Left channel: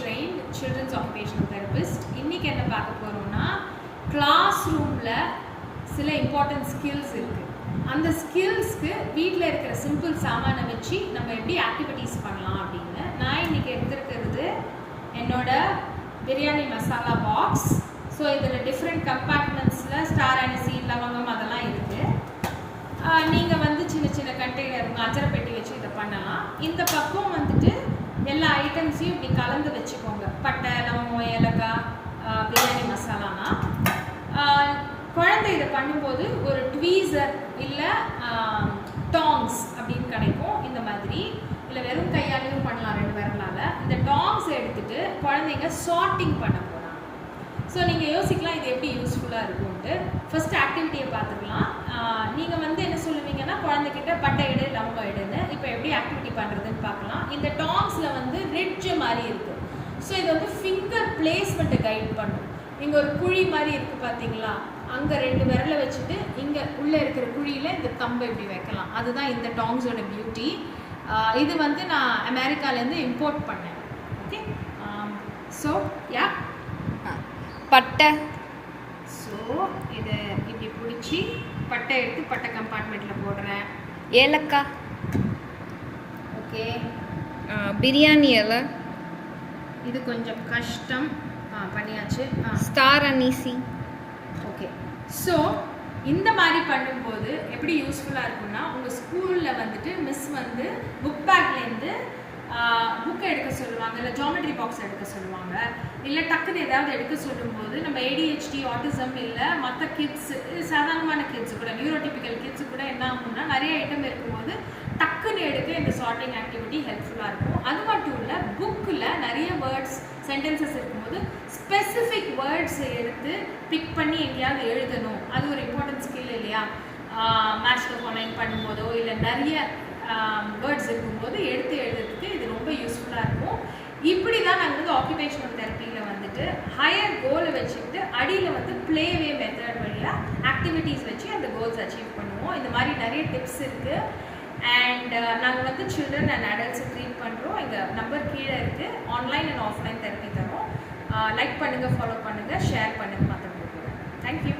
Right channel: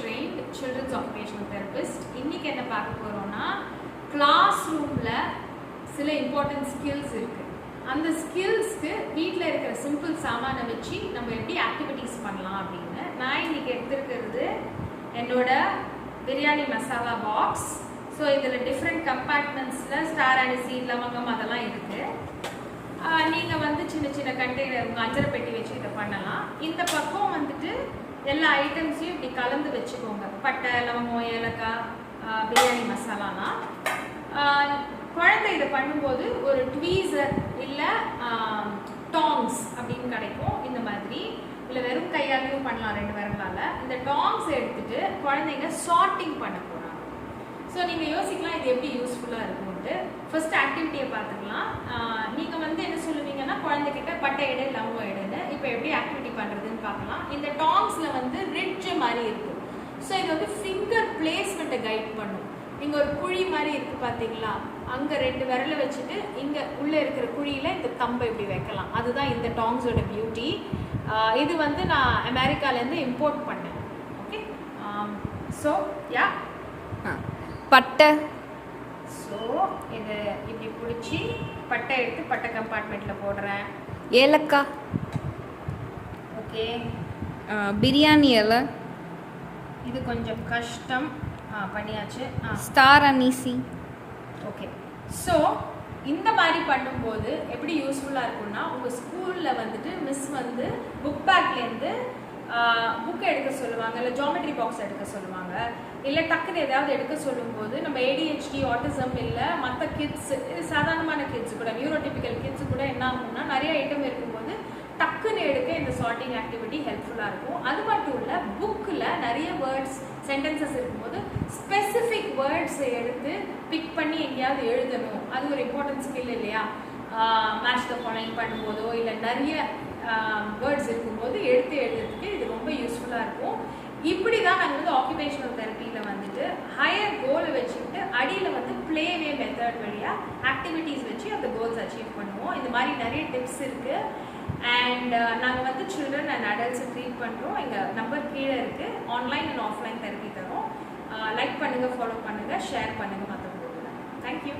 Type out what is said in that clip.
trained children's occupational therapist. இன்னைக்கு என்ன பார்க்க போறோம்னா கிளாஸ் ரூம்ல சில இம்பார்ட்டன்ட் ஸ்கில்ஸ் இருக்கு. அந்த ஸ்கில்ஸ்க்கு வீட்டில் இருக்கிற சிம்பிள் சாமானை வச்சு நம்ம எப்படி ஆக்டிவிட்டீஸ் பண்ணலாம் அப்படின்னு நான் இன்னைக்கு எடுத்துருக்கிறது என்னோட பிரியாணி மசாலா பாக்ஸ். ஸோ இதில் டிஃப்ரெண்ட் கம்பார்ட்மெண்ட்ஸில் ஸ்டார் அரிசி லவங்கம் அதெல்லாம் இருக்குது. நீங்கள் வந்து சின்ன சின்ன கண்டெய்னர் அஞ்சரை பெட்டி வச்சு இதை பண்ணலாம். இந்த பக்கம் வந்துட்டு எல்லா ஐட்டம்ஸையும் இப்படி கலந்து வச்சுக்கோங்க. பட்டை லவங்கம் ஏலக்காய் பிரியாணி மசாலானா குழந்தை இதை பண்ணும்போது ஒரு ட்வீசர் இல்லை டாங்ஸ் அப்படின்னு கிடைக்கும். இந்த மாதிரி இல்லை வெறும் கையாலையும் பண்ணலாம், 2 விரலால். இந்த டாங்ஸ் எடுத்துட்டு குழந்தைங்க சார்ட்டிங் பண்ண போகிறாங்க. ஸோ நீங்கள் யோசிக்கலாம் இது எப்படி யூஸ்ஃபுல்லாக இருக்கும்ட்டு. ஃபர்ஸ்ட் ஆக்டிவிட்டியை பார்த்துக்கலாம். நீங்கள் வந்து என்ன சொல்லுவீங்கன்னா குழந்தைகிட்ட பட்டை எடு லவங்கம் எடுன்னு. இப்போ எப்படி ஆக்டிவிட்டி பண்ணுறதுன்னு பார்க்கலாம். இந்த டாங்ஸில் வந்து ரிட்ஜ் மாதிரி இருக்குது. ஸோ இது வந்து ஃபிங்கர் பிளேஸ்மெண்ட்டை கைட் பண்ணும். இங்கே ஒரு குழி மாதிரி இருக்குது பார்த்தீங்களா, அங்கே 2 விரலை வச்சுட்டு இங்கே உள்ளே இருக்கிற குழியில் இந்த கம்பை இப்படி வைக்கலாம். அதுதான் இந்த டாங்ஸோட பியூட்டி. இது வந்து நான் அமெரிக்காலேருந்து இம்போர்ட் பண்ணேன். ஓகே, ஸோ யா பட்டை. ஸோ இது இப்படி பிடிச்சி பட்டை எடுத்து பட்டை கம்பார்ட்மெண்ட்டில் போடுறேன். ஏலக்காய். ஓகே, பிரியாணி இலை. இது கொஞ்சம் கஷ்டம். பண்ணியாச்சு. ஸ்டார் அனீசி. ஓகே, ஸோ இந்த மாதிரி பண்ணும்போது எப்படி யூஸ்ஃபுல்லாக இருக்கும்னா, உங்கள் ஸ்கூலில் வந்துட்டு மிஸ் வந்து புக் பேக்லேருந்து புக்கை எடுக்க சொல்லுவாங்க, இல்லை ஜாமெட்ரி பாக்ஸ் எடுக்க சொல்லுவாங்க, இல்லை டக்குன்னு ஏதாவது எடுக்க சொல்லும்போது நம்ம ADHD ஆட்டிசம் இல்லை மற்ற கிட்ஸ், சாதாரணமான கிட்ஸு கூட நியூரோடிபிக்கல் கிட்ஸு கூட என்ன ஆகும்னா நிறைய ஐட்டம் இருக்கும்போது டக்குன்னு எடுக்க இந்த சார்ட்டிங் ஆக்டிவிட்டி ஹெல்ப்ஃபுல்லாக இருக்கும். அது மட்டும் இல்லை, புக்கில் நிறைய வேர்ட்ஸ் சென்டென்சஸ் இருக்கும்போது ஸ்பெசிஃபிக் வேர்ட்ஸ் எடுத்து பிக் பண்ணி எங்கேயாவது எழுதணும். அது ஒரு இம்பார்ட்டன்ட் ஸ்கில் இல்லையா? மேட்ச் த ஃபாலோயிங் பண்ணும்போதோ இல்லை நிறைய வேர்ட்ஸ் இருக்கும்போது எடுத்து எழுதுறதுக்கு இது ரொம்ப யூஸ்ஃபுல்லாக இருக்கும். இப்படி தான் நாங்கள் வந்து ஆக்குபேஷனல் தெரப்பியில் வந்துட்டு ஹையர் கோலை வச்சுக்கிட்டு அடியில் வந்து ப்ளேவே மெத்தட் வழியாக ஆக்டிவிட்டீஸ் வச்சு அந்த கோல்ஸ் அச்சீவ் பண்ணுவோம். இந்த மாதிரி நிறைய டிப்ஸ் இருக்குது. அண்ட் நாங்கள் வந்து சில்ட்ரன் அண்ட் அடல்ட்ஸை ட்ரீட் பண்ணுறோம். எங்கள் நம்பர் கீழே இருக்குது. ஆன்லைன் அண்ட் ஆஃப்லைன் தெரப்பி தரோம். லைக் பண்ணுங்கள், ஃபாலோ பண்ணுங்கள், ஷேர் பண்ணுங்கள் மற்றவங்களுக்கு. தேங்க்யூ.